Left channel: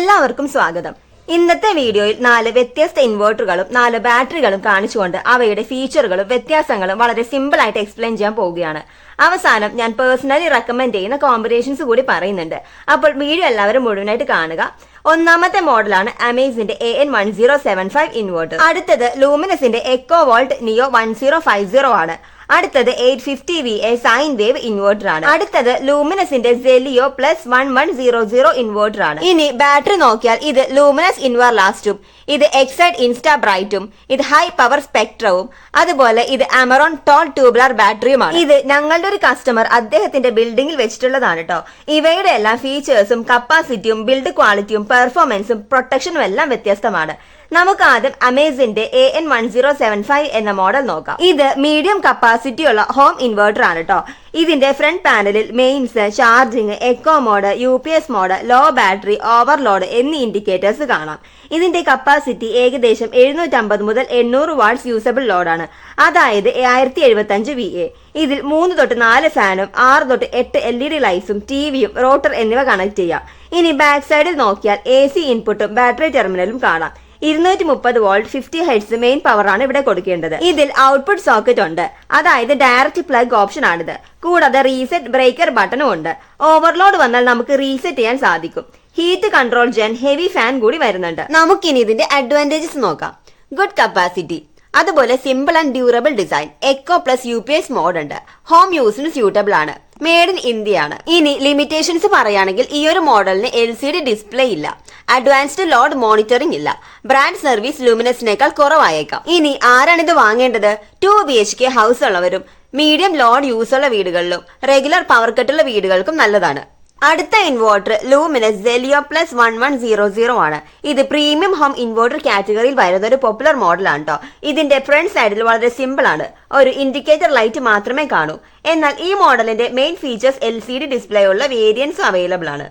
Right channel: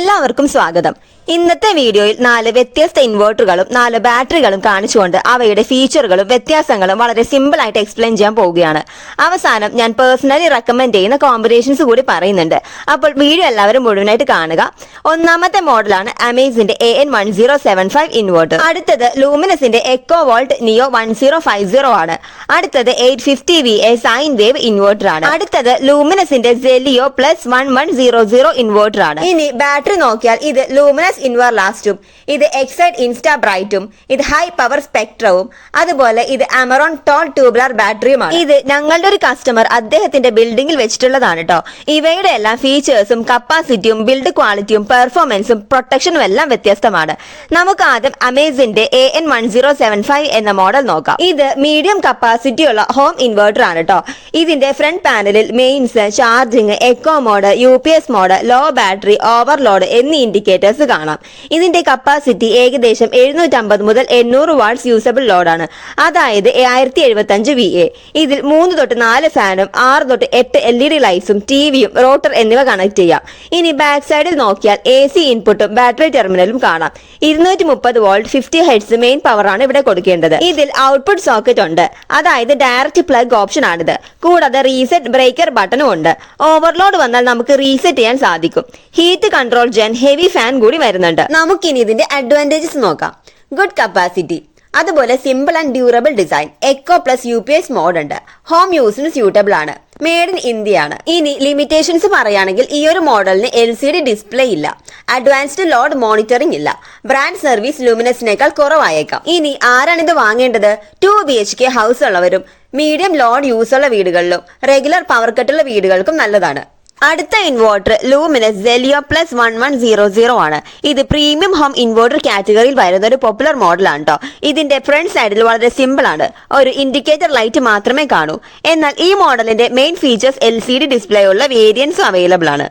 എല്ലാവർക്കും സ്വാഗതം. ഇന്നത്തെ വീഡിയോയിൽ 4 വ്യത്യസ്ത ഇൻവെർട്ടറുകളും 4 ബാറ്ററികളും കാണിച്ചുകൊണ്ട് അവയുടെ ഫീച്ചറുകളും വ്യത്യാസങ്ങളും വളരെ സിമ്പിൾ ആയിട്ട് എക്സ്പ്ലെയിൻ ചെയ്യാൻ പോവുകയാണ്. അവസാനം ഞാൻ പേഴ്സണലി റെക്കമെൻഡ് ചെയ്യുന്ന കോമ്പിനേഷൻസ് കൂടി പറയുന്നുണ്ട്. അപ്പോൾ വീഡിയോ എല്ലാവരും മുഴുവനായിട്ട് കാണുക. ഒന്നാമത്തെ മോഡലാണ് അമേസിന്റെ AN1075 ഇൻവെർട്ടർ. അടുത്തത് ലൂമിനസിന്റെ എക്കോ വോൾട്ട് നിയോ 1050 ആണ്. അടുത്തത് 850VA സൈൻ വേവ് ഇൻവെർട്ടർ ആണ്. അടുത്തത് ലൂമിനസിന്റെ സെലിയോ +1100 ഇൻവെർട്ടർ ആണ്. ഇനി ബാറ്ററി നോക്കിയാൽ ഇത് ലൂമിനസ് ഇൻവർലാസ്റ്റും, ഇത് എക്സൈഡ് ഇൻസ്റ്റാ ബ്രൈറ്റും, ഇത് ഹൈ പവർ സ്പെക്ട്രവും, അതുപോലെ ഇത് അമറോൺ ടോൾ ട്യൂബുലർ ബാറ്ററിയുമാണ്. ഇത് ഞങ്ങളുടെ ഒരു കസ്റ്റമർ അദ്ദേഹത്തിന്റെ ബിൽഡിംഗിൽ വെച്ചിട്ടുള്ളതാണ് കേട്ടോ. ഇവയുടെ എല്ലാം ഫീച്ചേഴ്സും കപ്പാസിറ്റിയും ബിൽഡ് ക്വാളിറ്റിയും പെർഫോമൻസും പ്രൊട്ടക്ഷനും എല്ലാം വ്യത്യസ്തമാണ്. നമുക്ക് ആദ്യം അമേസിന്റെ AN1075 എന്ന മോഡൽ നോക്കാം. ഇത് മീഡിയം കപ്പാസിറ്റി ഉള്ള ഹോം ഇൻവെർട്ടർ ആണ് കേട്ടോ. ഇതിന്റെ ഫ്രണ്ട് പാനലിൽ mains, charging, eco mode, UPS mode, low battery, overload എന്നീ ഇൻഡിക്കേറ്റേഴ്സ് കാണാം. ഇതിന്റെ കപ്പാസിറ്റി ഏകദേശം 750 മുതൽ 800 വാട്ട്സ് യൂസബിൾ ലോഡാണ്, അതായത് 1075 VA. ഇതിൽ 3 തൊട്ട് 4 ഫാനും 6 തൊട്ട് 8 LED ലൈറ്റ്സും ടിവിയും റോട്ടർ എന്നിവ കണക്ട് ചെയ്യാം. ഇനി ബാക്ക് സൈഡിൽ നോക്കിയാൽ AC ഇൻപുട്ടും ബാറ്ററി ടെർമിനലും കാണാം. 230 വോൾട്ട് 50 ഹെർട്സ് മെയിൻ പവറാണ് ഇവിടെ കൊടുക്കേണ്ടത്. ഇതിൽ ഔട്ട്പുട്ട് സോക്കറ്റ് ഉണ്ട്, അതായത് ഡയറക്റ്റ് പ്ലഗ് ഓപ്ഷൻ ആണിത്. കൂടാതെ റീസെറ്റ് ബ്രേക്കർ ബട്ടണും ഉണ്ട്. ഓവർലോഡ് വന്നാൽ നമുക്ക് റീസെറ്റ് ചെയ്യാൻ സാധിക്കും. ഹീറ്റ് കൺട്രോൾ ജെൻ ഹെവി ഫാൻ കൂടി വരുന്നുണ്ട്. നമുക്കിനി ഇതിന്റെ അഡ്വാൻറ്റേജസ് നോക്കാം. ഗുഡ് കപ്പാസിറ്റി, അതുപോലെ simple and durable design, eco plus UPS mode ഉണ്ട്, ഹോം യൂസിന് സ്യൂട്ടബിൾ ആണ്, മെയ്ഡ് ഇൻ ഇന്ത്യ ആണ്. ഇനി ലിമിറ്റേഷൻസ് പറയുകയാണെങ്കിൽ ഈ ഒരു മോഡലിന് LCD ഡിസ്പ്ലേ ഇല്ല, അഡ്വാൻസ്ഡ് ലോഡ് മോണിറ്ററിംഗ് ഇല്ല, ബ്രാൻഡ് സർവീസ് ലൂമിനസിനേക്കാൾ കുറവായേക്കാം. ഇനി ആരാണിത് വാങ്ങേണ്ടത്? 2 BHK ഹൗസ് ഉള്ളവരും മീഡിയം ലോഡ് യൂസ് ഉള്ള വീടുകളിലും റെഗുലർ പവർ കട്ടുള്ള വീടുകൾക്കും നല്ലതാണ്. അടുത്ത ഇൻവെർട്ടർ ലൂമിനസ് സെലിയോ +1100 ആണ്. ഇത് പ്രീമിയം ഹോം ഇൻവെർട്ടർ കാറ്റഗറിയിൽ വരുന്ന ഒരു പോപ്പുലർ മോഡലാണ് കേട്ടോ. ഇതിന്റെ ഫ്രണ്ട് സൈഡിൽ വളരെ സിമ്പിൾ ആണ്, ഒരു ഇൻഡിക്കേറ്റർ ലൈറ്റ് മാത്രമേ കാണൂ. എന്നാൽ ഈ മോഡലിന്റെ മെയിൻ ഫീച്ചേഴ്സ് LCD ഡിസ്പ്ലേ ഉള്ള വേരിയന്റ്സും അവൈലബിൾ ആണ്.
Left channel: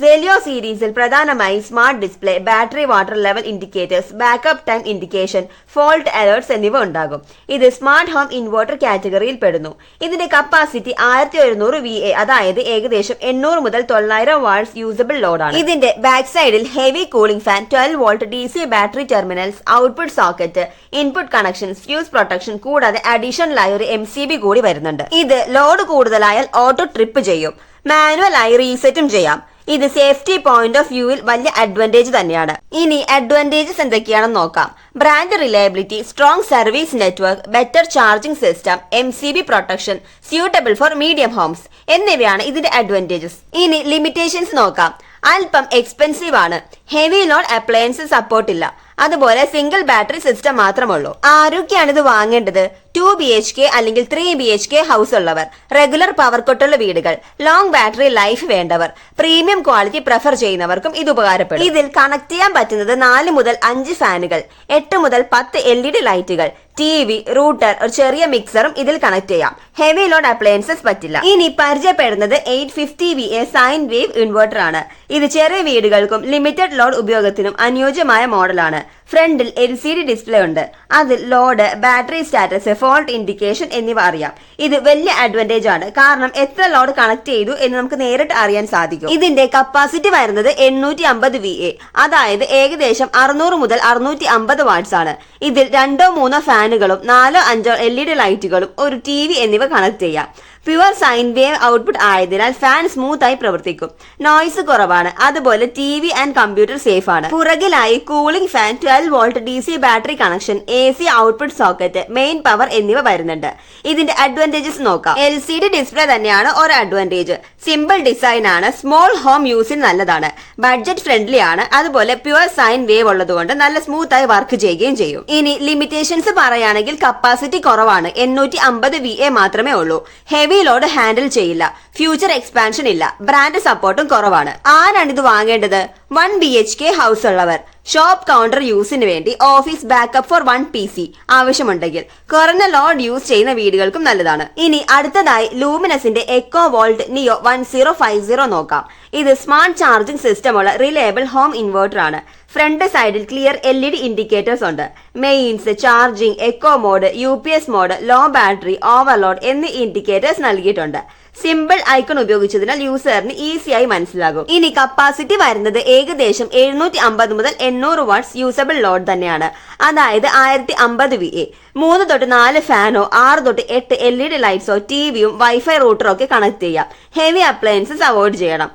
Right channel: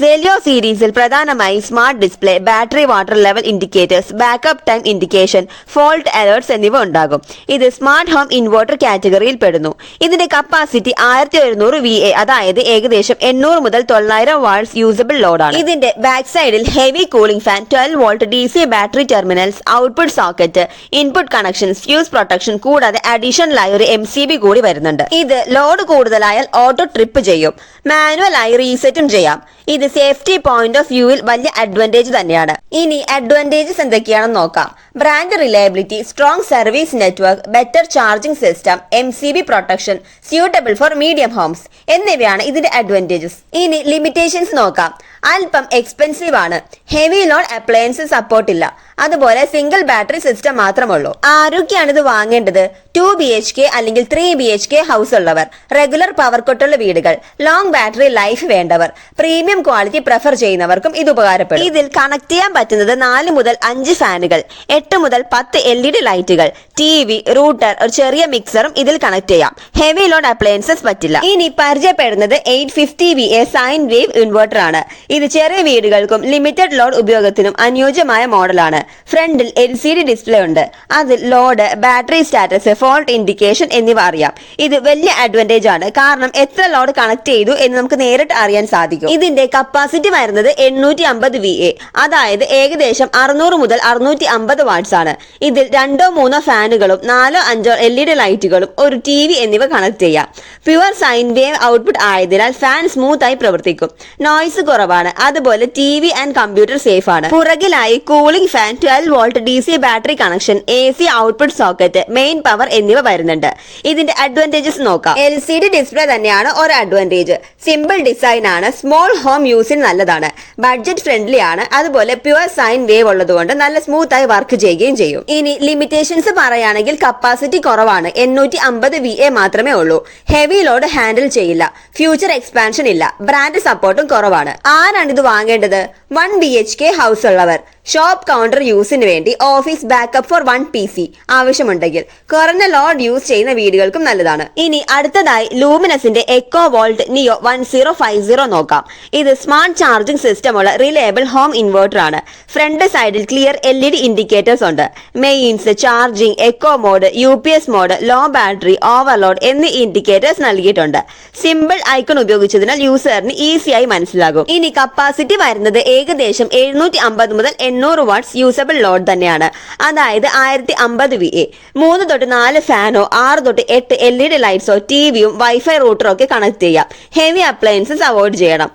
സെലിയോ സീരീസിൽ പ്രധാനമായി smart display, battery water level indicators, backup time indication, fault alerts എന്നിവ ഉണ്ടാകും. ഇത് സ്മാർട്ട് ഹോം ഇൻവെർട്ടർ കാറ്റഗറിയിൽ പെടുന്നു. ഇതിന്റെ കപ്പാസിറ്റി 1100 VA, അതായത് ഏകദേശം 800 മുതൽ 900 വാട്ട്സ് യൂസബിൾ ലോഡാണ്. ഇതിന്റെ ബാക്ക് സൈഡിൽ heavy cooling fan, 12 volt DC battery terminals, output socket, input connection, fuse protection, കൂടാതെ അഡീഷണലായി ഒരു MCB കൂടി വരുന്നുണ്ട്. ഇത് ലോഡ് കൂടുതലായാൽ ഓട്ടോ ട്രിപ്പ് ചെയ്യും, മാനുവൽ ആയി റീസെറ്റും ചെയ്യാം. ഇത് സേഫ്റ്റി പോയിന്റ് ഓഫ് വ്യൂവിൽ വലിയ അഡ്വാൻറ്റേജ് തന്നെയാണ്. ഇനി അഡ്വാൻറ്റേജസ് എന്തൊക്കെയാണെന്ന് നോക്കാം. Brand reliability, strong service network, better charging system, MCB protection, suitable for medium homes എന്നിവയാണ് ഇതിന്റെ അഡ്വാൻറ്റേജസ്. ഇനി ലിമിറ്റേഷൻസ് നോക്കാം. അല്പം എക്സ്പെൻസീവ് ആണ്, ഹെവി ലോഡ് അപ്ലയൻസസ് സപ്പോർട്ട് ഇല്ല, അതുപോലെ സിംഗിൾ ബാറ്ററി സിസ്റ്റം മാത്രമുള്ളൂ. ആരൊക്കെയാണ് ഇത് വാങ്ങേണ്ടത്? 2 BHK അല്ലെങ്കിൽ 3 BHK ഹൗസ് ഉള്ളവർ, റെഗുലർ പവർ കട്ടുള്ള വീടുകൾ, ലോങ് ബാറ്ററി ലൈഫ് വേണ്ടവർ, പ്രീമിയം ക്വാളിറ്റി പ്രിഫർ ചെയ്യുന്നവർക്കും ഇത് ഉപകാരപ്പെടും. ഇതിൽ കണക്ട് ചെയ്യാൻ പറ്റുന്നത് 4 മുതൽ 5 ഫാനുകൾ, 8 മുതൽ 10 LED ലൈറ്റുകൾ, TV, റൂട്ടർ, ഒരു ചെറിയ മിക്സറും ഇതിൽ കണക്ട് ചെയ്യാം. ഹെവി ലോഡ് അപ്ലയൻസസ് പറ്റില്ല. ഇനി പരിചയപ്പെടുന്നത് 850VA സൈൻ വേവ് ഇൻവെർട്ടർ ആണ്. ഇത് ചെറിയ വീടുകൾക്കും ലിമിറ്റഡ് ലോഡ് ഉപയോഗത്തിനും അനുയോജ്യമായ മോഡലാണ്. ഫ്രണ്ടിൽ LCD ഡിസ്പ്ലേ ഉണ്ട്, അതിൽ load, battery status, fault indication എന്നിവ അറിയാം. ഇത് വലിയ അഡ്വാൻറ്റേജ് ആണ്, കാരണം എത്ര ലോഡ് കണക്ട് ചെയ്തു എന്ന് നമുക്ക് നേരിട്ട് അറിയാൻ സാധിക്കും. ഇതിന്റെ കപ്പാസിറ്റി വരുന്നത് 850 VA, അതായത് ഏകദേശം 600 മുതൽ 650 വാട്ട്സ് ആണ്. ഇതിൽ 2-3 ഫാനുകളും 4-5 LED ലൈറ്റുകളും ഒരു TV എന്നിവ കണക്ട് ചെയ്യാം. പ്യുവർ സൈൻ വേവ് ഔട്ട്പുട്ട് ആയതിനാൽ ഫാൻ സ്മൂത്ത് ആയി പ്രവർത്തിക്കും, നോയ്സ് കുറവാണ്, അതുപോലെ TV ആൻഡ് കമ്പ്യൂട്ടർ സേഫ് ആണ്. പുറകിലായി cooling fan, 12 volt DC battery connection, AC output socket, main power എന്നിവ വരുന്നുണ്ട്. ഇതിന്റെ അഡ്വാൻറ്റേജസ് നോക്കാം. LCD ഡിസ്പ്ലേ തന്നെയാണ് ഒരു അഡ്വാൻറ്റേജ്. സിമ്പിൾ ഡിസൈൻ ആണ്, സ്മോൾ ഹോം യൂസിന് നല്ലതാണ്, ബഡ്ജറ്റ് ഫ്രണ്ട്ലി ആണ്, അതുപോലെ പ്യുവർ സൈൻ വേവ് ഉള്ളതുകൊണ്ട് നല്ല സ്മൂത്ത് ആയി വർക്ക് ചെയ്യുകയും ചെയ്യും. ഇനി ലിമിറ്റേഷൻസ് പറയുകയാണെങ്കിൽ കപ്പാസിറ്റി കുറവാണ്, 850 VA മാത്രമേ ഉള്ളൂ, ഹെവി ലോഡ് ഹാൻഡിൽ ചെയ്യില്ല, ഫ്യൂച്ചർ എക്സ്പാൻഷൻ ഇല്ല, ബ്രാൻഡ് സപ്പോർട്ടും കുറവാണ്. ആരാണ് ഇത് വാങ്ങേണ്ടത്? 1 BHK ഹൗസ് ഉള്ളവർ, ഷോപ്പ് കൗണ്ടർ യൂസിന് വേണ്ടി, ഓഫീസ് ബാക്കപ്പ് ഫോർ 1 PC ആവശ്യമുണ്ടെങ്കിൽ, കുറഞ്ഞ ലോഡ് യൂസ് ചെയ്യുന്ന വീടുകൾക്കും നല്ലതാണ്. ഇനി അടുത്തതായി ലൂമിനസിന്റെ എക്കോ വോൾട്ട് നിയോ 1050 നോക്കാം. ഇത് സ്മാർട്ട് ചാർജിംഗ് സിസ്റ്റം ഉള്ള റിലയബിൾ ഹോം ഇൻവെർട്ടർ ആണ്. ഫ്രണ്ട് സൈഡിൽ ക്ലിയർ LED ഇൻഡിക്കേറ്റേഴ്സ് ഉണ്ട്. Mains, charging, eco mode, UPS mode, low battery, overload എന്നീ ഇൻഡിക്കേറ്റേഴ്സ് നൽകിയിട്ടുണ്ട്. സിമ്പിൾ ഐക്കൺ ഉപയോഗിച്ചതിനാൽ യൂസറിന് ഈസിയായി മനസ്സിലാകും. ഇനി കപ്പാസിറ്റി വരുന്നത് ഏകദേശം 750 മുതൽ 800 വാട്ട്സ് യൂസബിൾ ലോഡ് തന്നെയാണ്. അതായത് 1050 VA. 3 തൊട്ട് 4 ഫാനോ 6 തൊട്ട് 8 LED ലൈറ്റ്സോ ടിവിയും വൈഫൈ റൂട്ടറോ ഒക്കെ കണക്ട് ചെയ്യാം. ഹെവി അപ്ലയൻസസ് അവോയ്ഡ് ചെയ്യണം.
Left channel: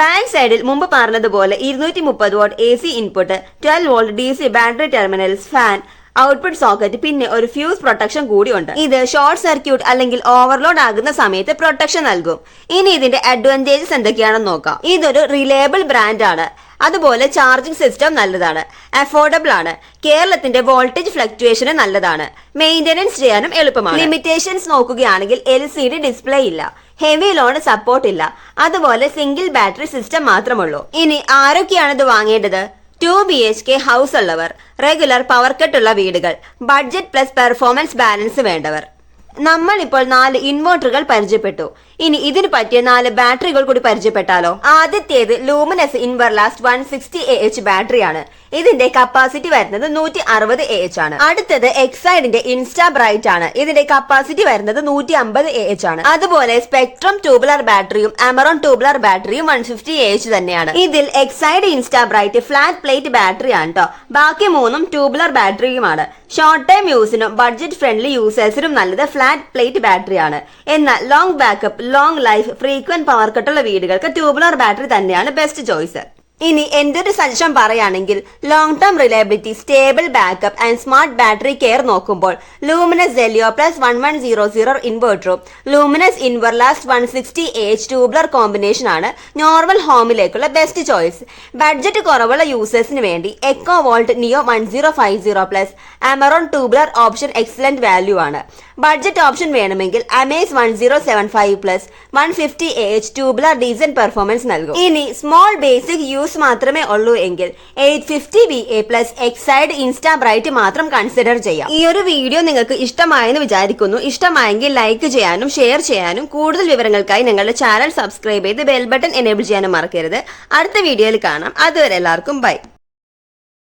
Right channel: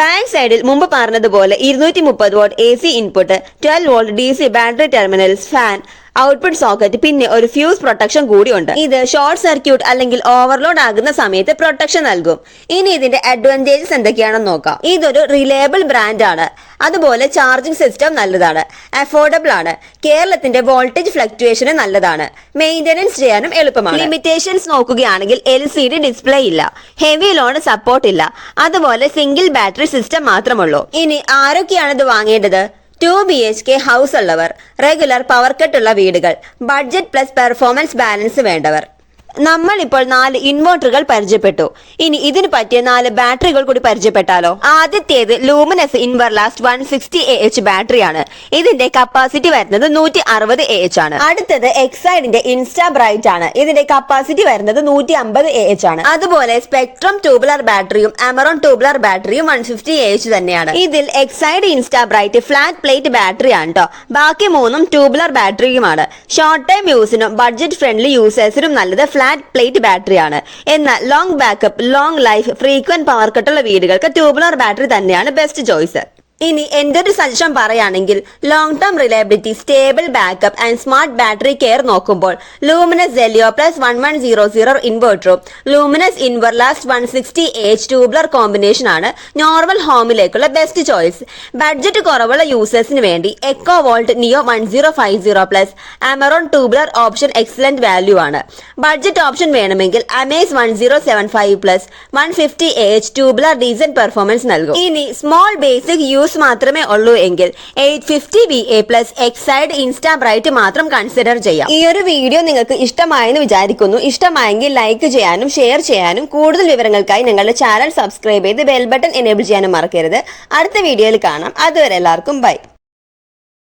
ബാക്ക് സൈഡിൽ മുമ്പ് പറഞ്ഞതുപോലെ 230 what AC input, 12 volt DC battery terminals, fan, output socket, പിന്നെ ഒരു ഫ്യൂസ് പ്രൊട്ടക്ഷൻ കൂടിയുണ്ട്. ഇത് ഷോർട്ട് സർക്യൂട്ട് അല്ലെങ്കിൽ ഓവർലോഡ് ആകുന്ന സമയത്ത് പ്രൊട്ടക്ഷൻ നൽകും. ഇനി ഇതിന്റെ അഡ്വാൻറ്റേജസ് എന്തൊക്കെയാണെന്ന് നോക്കാം. ഇതൊരു റിലയബിൾ ബ്രാൻഡ് ആണ്. അതുപോലെ ചാർജിംഗ് സിസ്റ്റം നല്ലതാണ്, അഫോർഡബിൾ ആണ്, കേരളത്തിന്റെ വോൾട്ടേജ് ഫ്ലക്ച്വേഷന് നല്ലതാണ്, മെയിന്റനൻസ് ചെയ്യാനും എളുപ്പമാണ്. ലിമിറ്റേഷൻസ് നോക്കുകയാണെങ്കിൽ LCD ഡിസ്പ്ലേ ഇല്ല, ഹെവി ലോഡ് സപ്പോർട്ട് ഇല്ല, അതുപോലെ സിംഗിൾ ബാറ്ററി സിസ്റ്റം മാത്രമുള്ളൂ. ഇനി ആരൊക്കെയാണ് ഇത് വാങ്ങേണ്ടത്? 2 BHK ഹൗസ് ഉള്ളവർ, റെഗുലർ പവർ കട്ട് ഉള്ള വീടുകൾ, ബഡ്ജറ്റ് പ്ലസ് പെർഫോമൻസ് ബാലൻസ് വേണ്ടവർ. നമ്മൾ ഇപ്പോൾ 4 ഇൻവെർട്ടറുകൾ പരിചയപ്പെട്ടു. ഇനി ഇതിന് പറ്റിയ 4 ബാറ്ററികൾ കൂടി പരിചയപ്പെട്ടാലോ? ആദ്യത്തേത് ലൂമിനസ് ഇൻവർലാസ്റ്റ് 160 AH ബാറ്ററിയാണ്. ഇതിന്റെ കപ്പാസിറ്റി വരുന്നത് 160 AH ആണ്. അടുത്തത് എക്സൈഡിന്റെ ഇൻസ്റ്റാ ബ്രൈറ്റ് ആണ്. ഇതിന്റെ കപ്പാസിറ്റി വരുന്നത് 150 AH ആണ്. അതുപോലെ സ്പെക്ട്രം ട്യൂബുലർ ബാറ്ററിയും അമറോൺ ട്യൂബുലർ ബാറ്ററിയും 150 AH തന്നെയാണ്. ഇതിൽ Exide insta bright flat plate battery ആണ് കേട്ടോ. ബാക്കി 3ഉം ട്യൂബുലർ ബാറ്ററിയുമാണ്. ഷോർട്ട് ടൈം യൂസിനും ബഡ്ജറ്റ് ഫ്രണ്ട്ലി യൂസേഴ്സിനും നല്ലത് ഫ്ലാറ്റ് പ്ലേറ്റ് ബാറ്ററി ആണ്. എന്നാൽ long backup, long life, frequent power കട്ടുള്ള വീടുകൾക്ക് ട്യൂബുലർ ബാറ്ററി തന്നെയാണ് ബെസ്റ്റ് ചോയ്സ്. ഇനി എന്റെ ഒരു സജഷൻ പറയുകയാണെങ്കിൽ long term reliability, stable backup and smart battery care നോക്കുമ്പോൾ Luminous Zelio plus 1100 ഇൻവെർട്ടറും luminous ഇൻവർലാസ്റ്റ് 160 AH tubular combination ആണ് നോർമൽ ഹോമിലേക്കുള്ള ബെസ്റ്റ് ചോയ്സ്. ബഡ്ജറ്റ് കുറവുള്ള യൂസേഴ്സിന് വേണ്ടി എക്കോ വോൾട്ട് നിയോ 1050 plus Amaron tubular option excellent value ആണ്. ബഡ്ജറ്റ് ഓപ്ഷൻ വേണമെങ്കിൽ Amaze 1075 plus 150 AH tubular decent performance നൽകും. ഇനി small basic use മാത്രമേ ഉള്ളൂ എങ്കിൽ 850 VA plus Exide insta bright മാത്രം കൺസിഡർ ചെയ്യാം. ഈ ഒരു വീഡിയോ നിങ്ങൾക്ക് ഇഷ്ടമായെന്ന് വിചാരിക്കുന്നു. ഇഷ്ടമായെങ്കിൽ ലൈക്ക് ചെയ്യാനും ഷെയർ ചെയ്യാനും കൂടുതൽ വിവരങ്ങൾക്കായി നിങ്ങളുടെ ചാനൽ സബ്സ്ക്രൈബ് ചെയ്ത് ബെൽ ബട്ടൺ എനേബിൾ ചെയ്യാനും മറക്കരുത്. അടുത്ത വീഡിയോയിൽ കാണാം. അതുവരെ എല്ലാവർക്കും ബൈ.